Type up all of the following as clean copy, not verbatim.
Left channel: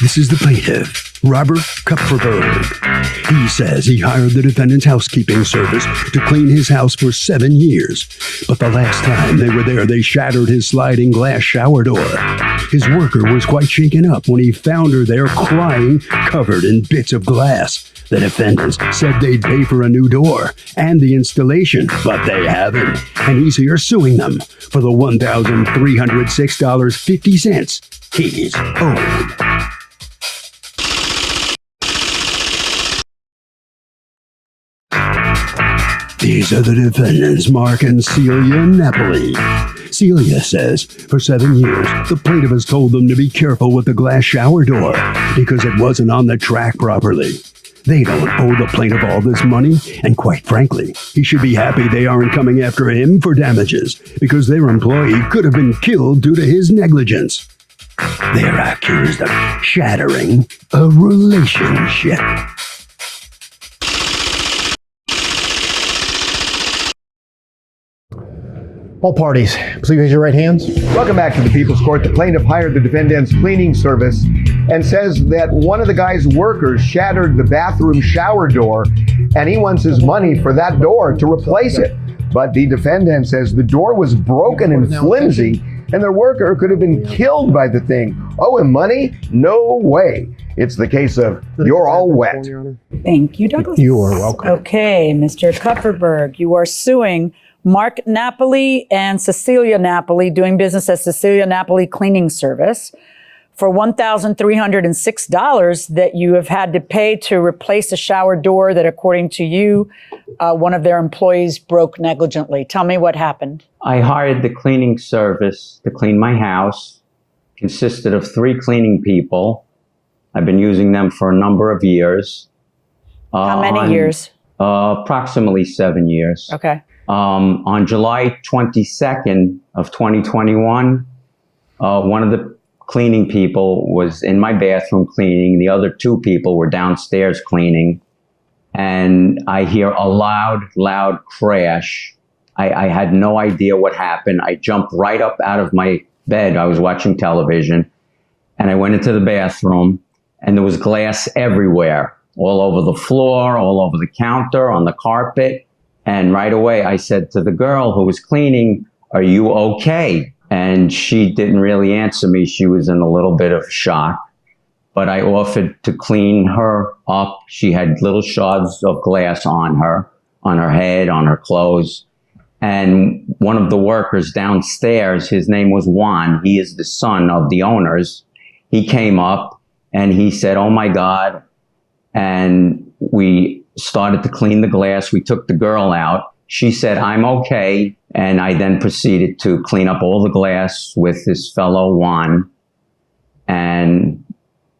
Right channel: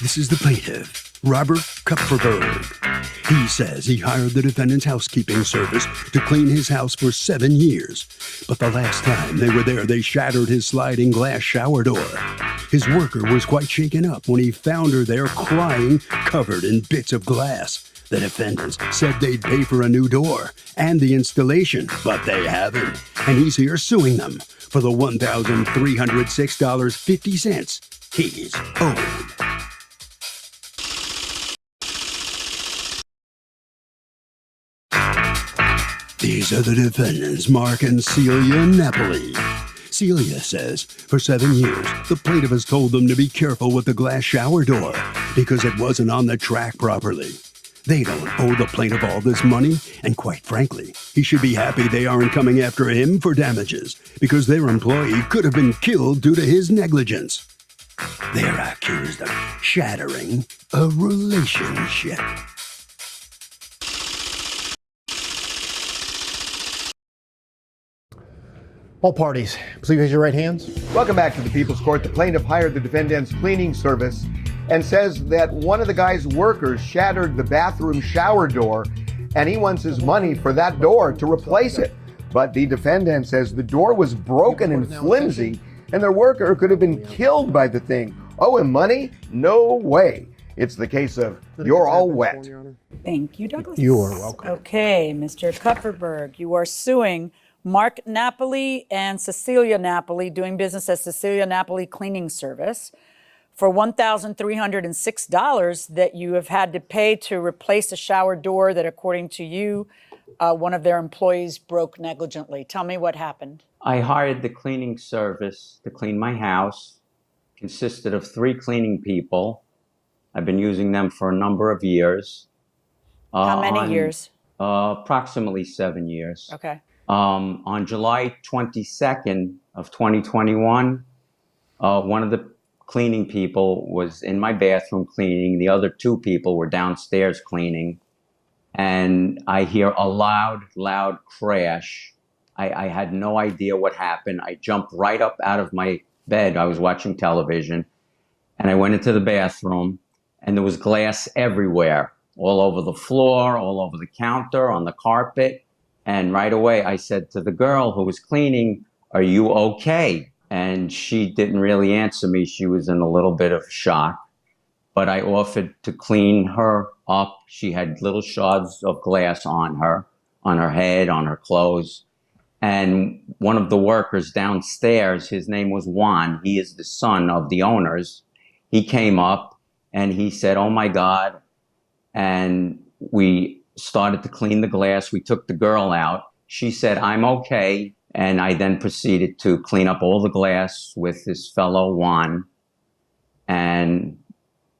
This is the plaintiff, Robert Kupferberg. He says he hired the defendant's housekeeping service to clean his house for 7 years. But the last time they were there, they shattered his sliding glass shower door. His worker was quite shaken up when he found her there crying, covered in bits of glass. The defendants said they'd pay for a new door and the installation, but they haven't. And he's here suing them for the $1,306.50 he's owed. These are the defendants, Mark and Celia Napoli. Celia says for 7 years, the plaintiff has told them to be careful with the glass shower door because it wasn't on the track properly. They don't owe the plaintiff all this money, and quite frankly, he should be happy they aren't coming after him for damages because their employee could have been killed due to his negligence. They're accused of shattering a relationship. All parties, please raise your right hands. Welcome back to the People's Court. The plaintiff hired the defendant's cleaning service and says that one of the guy's workers shattered the bathroom shower door, and he wants his money for that door to replace it. But the defendant says the door was broken and flimsy, and their worker could have been killed by the thing. Owe him money? No way. It's the case of you're all wet. Thank you, Douglas. You are welcome. Okay, Mr. Kupferberg, you are suing Mark Napoli and Cecilia Napoli, doing business as Cecilia Napoli Cleaning Service, for $1,306 that you have had to pay to replace a shower door that, according to you, one of their employees broke negligently. Tell me what happened. I hired the cleaning service to clean my house. Consisted of 3 cleaning people. I've been using them for a number of years. How many years? Approximately 7 years. Okay. On July 22nd of 2021, one of the cleaning people was in my bathroom cleaning. The other 2 people were downstairs cleaning. And I hear a loud crash. I had no idea what happened. I jumped right up out of my bed. I was watching television. And I went into the bathroom, and there was glass everywhere, all over the floor, all over the counter, on the carpet. And right away, I said to the girl who was cleaning, "Are you okay?" And she didn't really answer me. She was in a little bit of shock. But I offered to clean her up. She had little shards of glass on her head, on her clothes. And one of the workers downstairs, his name was Juan. He is the son of the owners. He came up and he said, "Oh my God." And we started to clean the glass. We took the girl out. She said, "I'm okay." And I then proceeded to clean up all the glass with his fellow Juan. And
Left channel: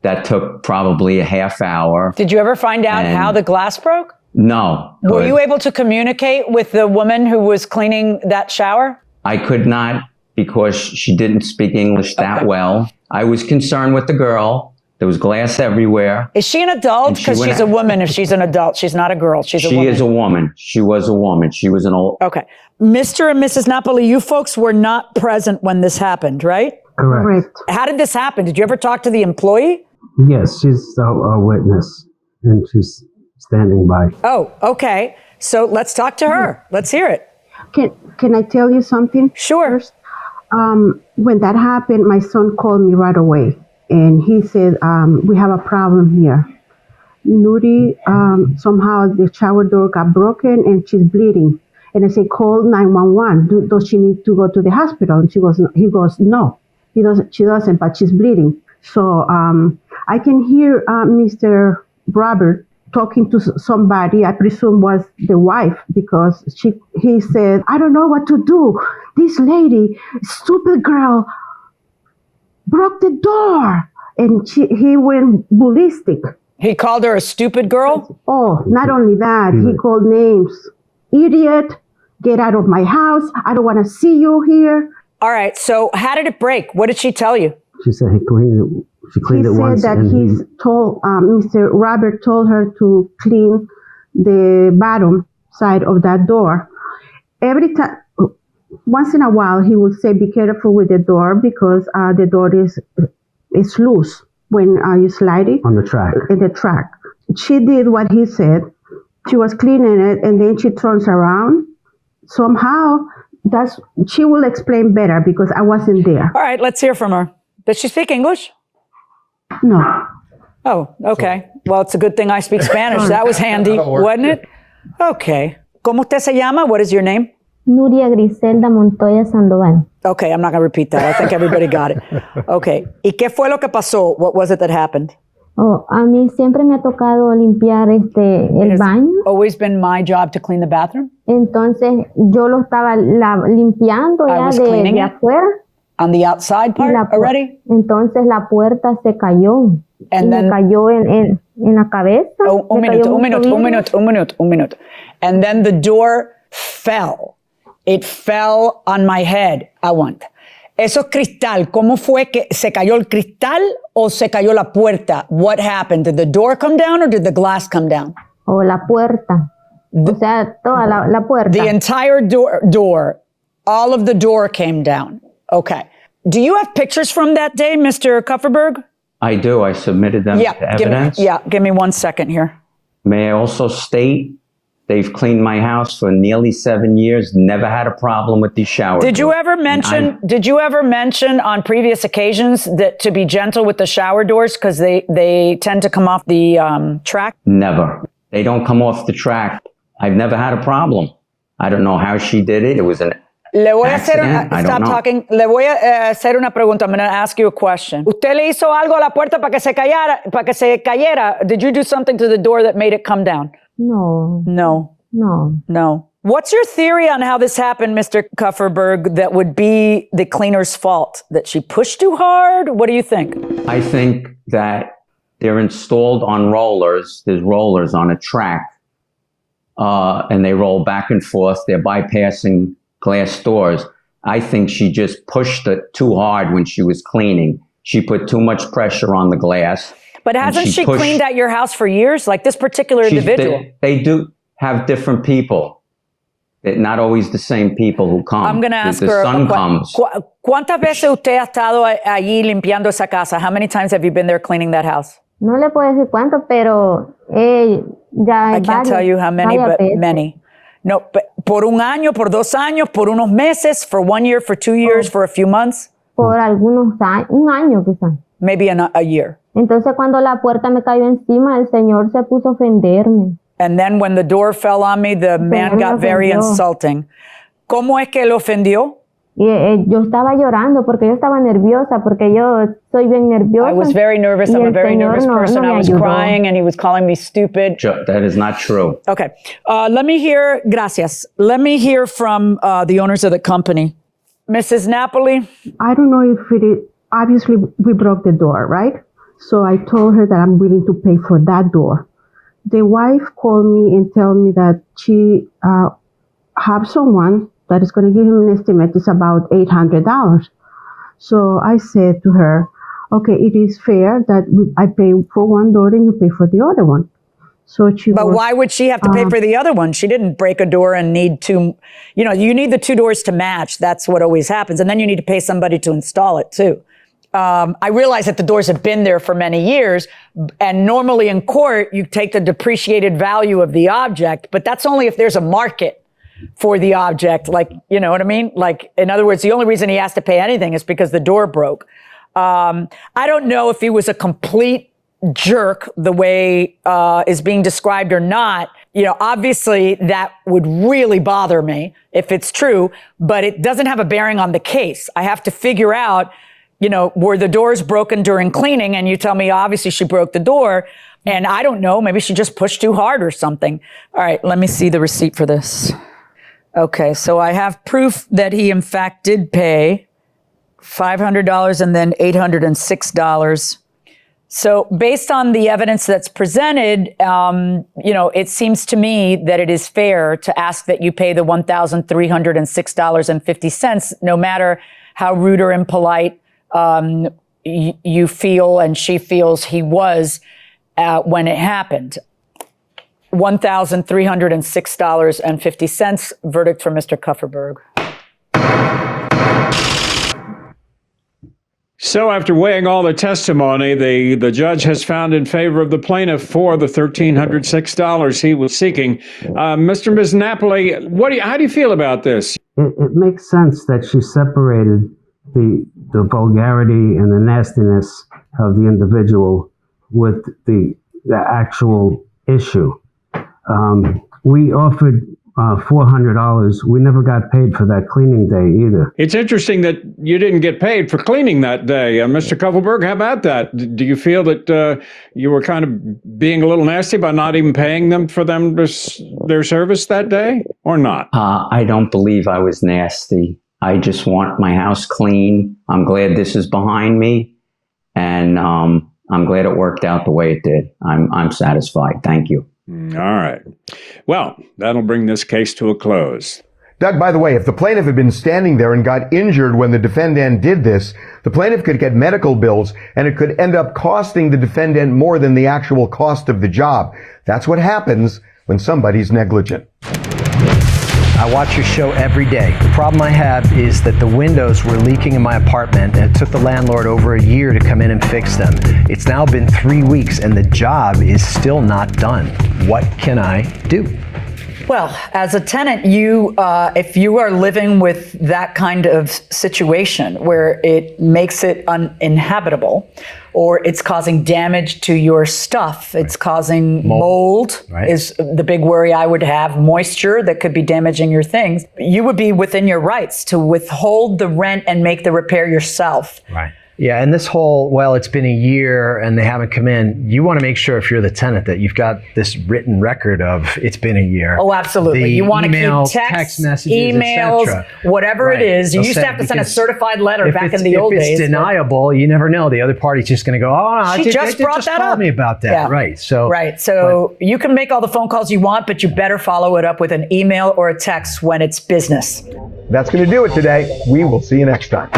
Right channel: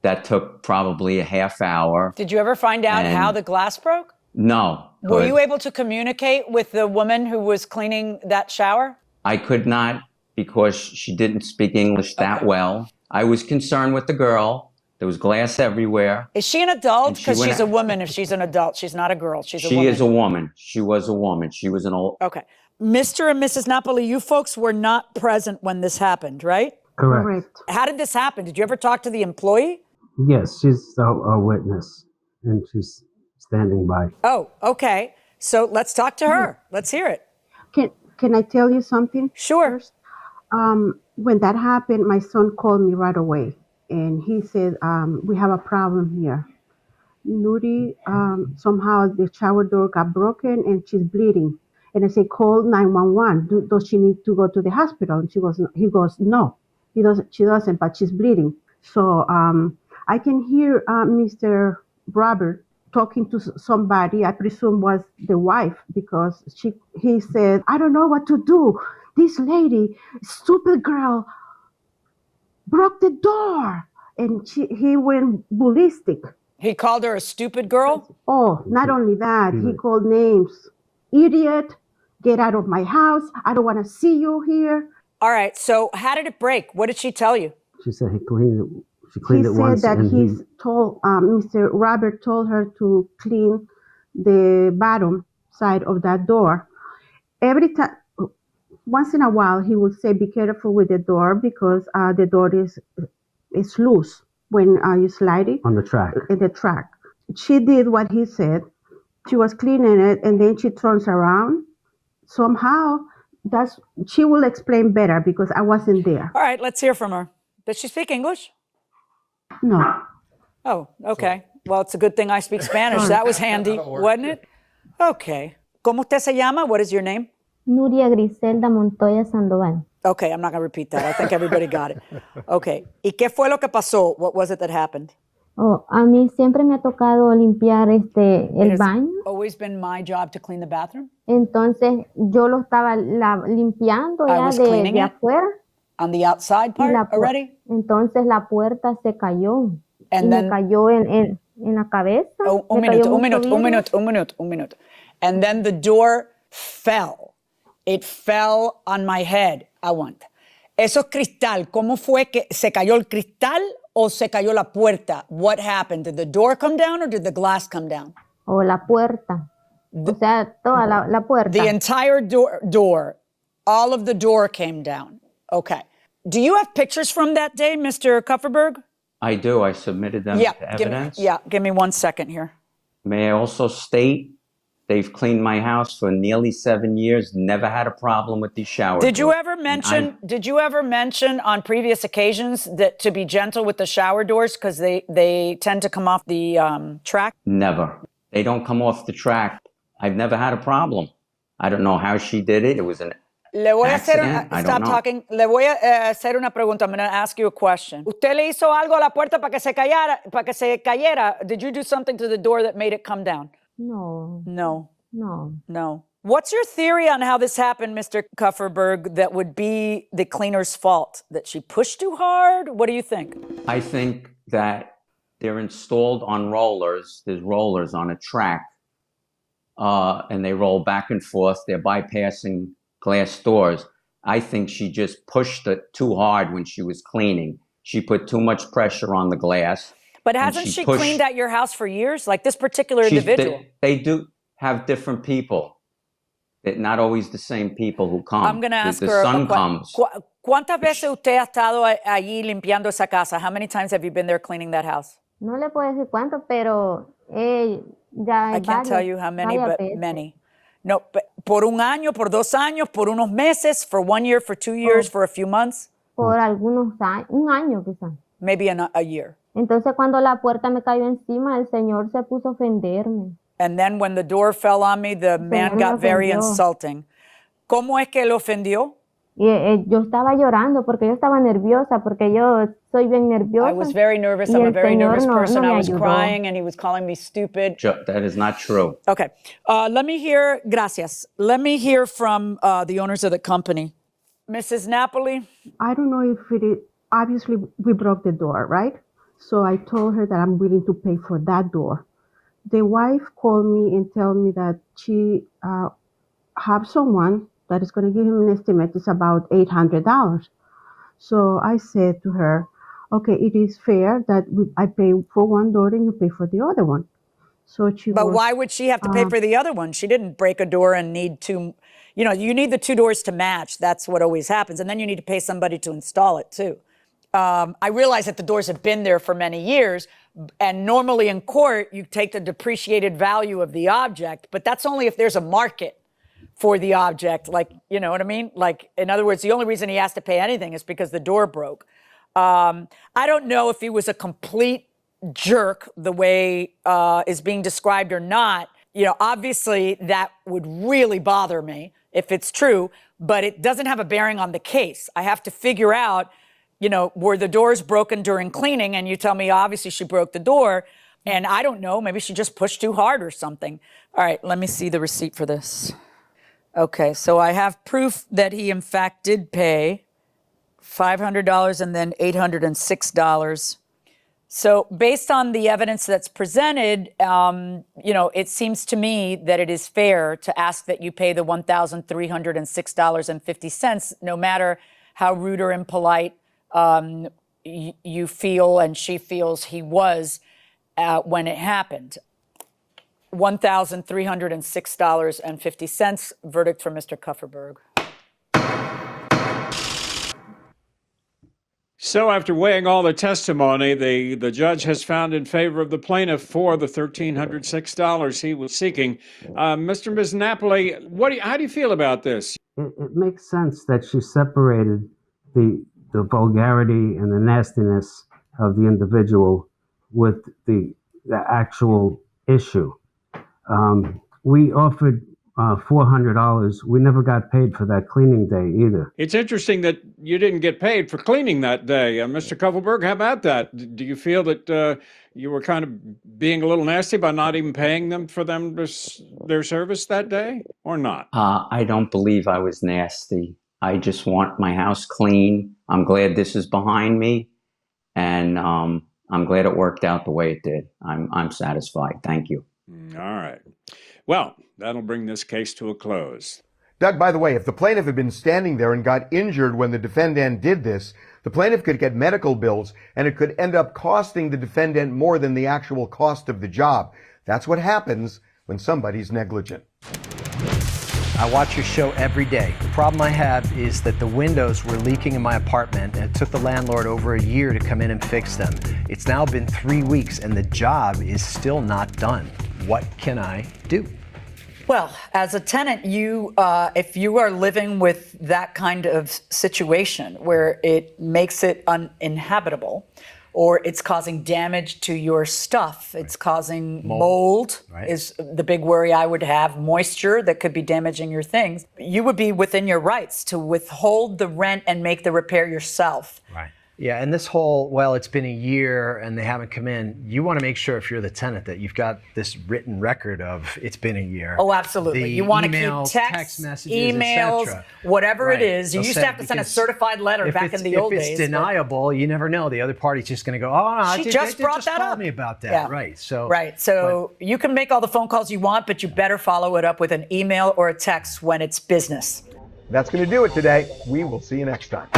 that took probably a half hour. Did you ever find out how the glass broke? No. Were you able to communicate with the woman who was cleaning that shower? I could not, because she didn't speak English that well. I was concerned with the girl. There was glass everywhere. Is she an adult? Because she's a woman. If she's an adult, she's not a girl. She's a woman. She is a woman. She was a woman. She was an old... Okay. Mr. and Mrs. Napoli, you folks were not present when this happened, right? Correct. How did this happen? Did you ever talk to the employee? Yes, she's a witness, and she's standing by. Oh, okay. So let's talk to her. Let's hear it. Can I tell you something? Sure. When that happened, my son called me right away, and he said, "We have a problem here. Nuri, somehow the shower door got broken and she's bleeding." And I said, "Call 911. Does she need to go to the hospital?" And he goes, "No, she doesn't, but she's bleeding." So I can hear Mr. Robert talking to somebody, I presume was the wife, because he said, "I don't know what to do. This lady, stupid girl, broke the door." And he went ballistic. He called her a stupid girl? Oh, not only that, he called names. "Idiot, get out of my house. I don't want to see you here." All right, so how did it break? What did she tell you? She said he cleaned it. She cleaned it once. He said that Mr. Robert told her to clean the bottom side of that door. Every time, once in a while, he would say, "Be careful with the door because the door is loose." when you slide it On the track. in the track. She did what he said. She was cleaning it, and then she turns around. Somehow, she will explain better because I wasn't there. All right, let's hear from her. Does she speak English? No. Oh, okay. Well, it's a good thing I speak Spanish. That was handy, wasn't it? Okay. ¿Cómo usted se llama? What is your name? Nuria Griselda Montoya Sandoval. Okay, I'm not going to repeat that. I think everybody got it. Okay. ¿Y qué fue lo que pasó? What was it that happened? Oh, a mí siempre me ha tocado limpiar el It's baño. always been my job to clean the bathroom. Entonces yo lo estaba limpiando I ya was de cleaning it. afuera. On the outside Y part already? Entonces la puerta se cayó. And Y then- me cayó en la cabeza. Oh, un Me cayó minuto. mucho vidrio. And then the door fell. It fell on my head. Aguanta. Eso es cristal. ¿Cómo fue que se cayó el cristal o se cayó la puerta? What happened? Did the door come down or did the glass come down? O la puerta. O sea, toda la puerta. The entire door, all of the door came down. Okay. Do you have pictures from that day, Mr. Kupferberg? I do. I submitted them to evidence. Give me 1 second here. May I also state they've cleaned my house for nearly 7 years, never had a problem with these showers. Did you ever mention on previous occasions that to be gentle with the shower doors because they tend to come off the track? Never. They don't come off the track. I've never had a problem. I don't know how she did it. It was an Le voy a hacer accident. I don't know. talking. Le voy a hacer una pregunta. I'm going to ask you a question. ¿Usted le hizo algo a la puerta para que se cayera? Did you do something to the door that made it come down? No. No. What's your theory on how this happened, Mr. Kupferberg, that would be the cleaner's fault? That she pushed too hard? What do you think? I think that they're installed on rollers. There's rollers on a track, and they roll back and forth. They're bypassing glass doors. I think she just pushed it too hard when she was cleaning. She put too much pressure on the glass. But hasn't she cleaned at your house for years? Like this particular individual? They do have different people. Not always the same people who come. I'm going to ask the her. sun comes. ¿Cuántas veces usted ha estado allí limpiando esa casa? How many times have you been there cleaning that house? No le puedo decir cuánto, pero ya I can't tell you how many, but many. No, but por un año, por 2 años, por unos meses, for 1 year, for 2 years, for a few months? Por algunos años, un año quizás. Maybe a year. Entonces cuando la puerta me cayó encima, el Señor se puso a ofenderme. And then when the door fell on me, the man got very insulting. ¿Cómo es que lo ofendió? Y yo estaba llorando porque yo estaba nerviosa, porque yo soy bien nerviosa. I was very nervous. I'm a very nervous person. No I was crying and he was calling me stupid. That is not true. Okay. Let me hear, gracias. Let me hear from the owners of the company. Mrs. Napoli? I don't know if it is, obviously we broke the door, right? So I told her that I'm willing to pay for that door. The wife called me and told me that she have someone that is going to give him an estimate. It's about $800. So I said to her, okay, it is fair that I pay for one door and you pay for the other one. So But why would she have to pay for the other one? She didn't break a door and need to, you need the 2 doors to match. That's what always happens. And then you need to pay somebody to install it too. I realize that the doors have been there for many years, and normally in court, you take the depreciated value of the object, but that's only if there's a market for the object. Like, you know what I mean? Like, in other words, the only reason he has to pay anything is because the door broke. I don't know if he was a complete jerk the way is being described or not. Obviously that would really bother me if it's true, but it doesn't have a bearing on the case. I have to figure out, were the doors broken during cleaning? And you tell me, obviously she broke the door. And I don't know, maybe she just pushed too hard or something. All right, let me see the receipt for this. Okay, so I have proof that he in fact did pay $500 and then $806. So based on the evidence that's presented, it seems to me that it is fair to ask that you pay the $1,306.50, no matter how rude or impolite you feel and she feels he was when it happened. $1,306.50. Verdict for Mr. Kupferberg. So after weighing all the testimony, the judge has found in favor of the plaintiff for the $1,306 he was seeking. Mr. and Ms. Napoli, how do you feel about this? It makes sense that she separated the vulgarity and the nastiness of the individual with the actual issue. We offered $400. We never got paid for that cleaning day either. It's interesting that you didn't get paid for cleaning that day. Mr. Kovalberg, how about that? Do you feel that you were kind of being a little nasty by not even paying them for their service that day, or not? I don't believe I was nasty. I just want my house clean. I'm glad this is behind me, and I'm glad it worked out the way it did. I'm satisfied. Thank you. All right. Well, that'll bring this case to a close. Doug, by the way, if the plaintiff had been standing there and got injured when the defendant did this, the plaintiff could get medical bills, and it could end up costing the defendant more than the actual cost of the job. That's what happens when somebody's negligent. I watch your show every day. The problem I have is that the windows were leaking in my apartment, and it took the landlord over a year to come in and fix them. It's now been 3 weeks, and the job is still not done. What can I do? Well, as a tenant, if you are living with that kind of situation where it makes it uninhabitable, or it's causing damage to your stuff, it's causing mold is the big worry I would have, moisture that could be damaging your things, you would be within your rights to withhold the rent and make the repair yourself. Right. Yeah, and this whole, it's been a year and they haven't come in, you want to make sure if you're the tenant that you've got this written record of it's been a year. Oh, absolutely. You want to emails, keep text messages, emails, whatever it is. You used to have to send a certified letter back in the old days. If it's deniable, you never know. The other party's just going to go, she just brought that up. Told me about that. Yeah. Right. So you can make all the phone calls you want, but you better follow it up with an email or a text when it's business. That's going to do it today. We will see you next time.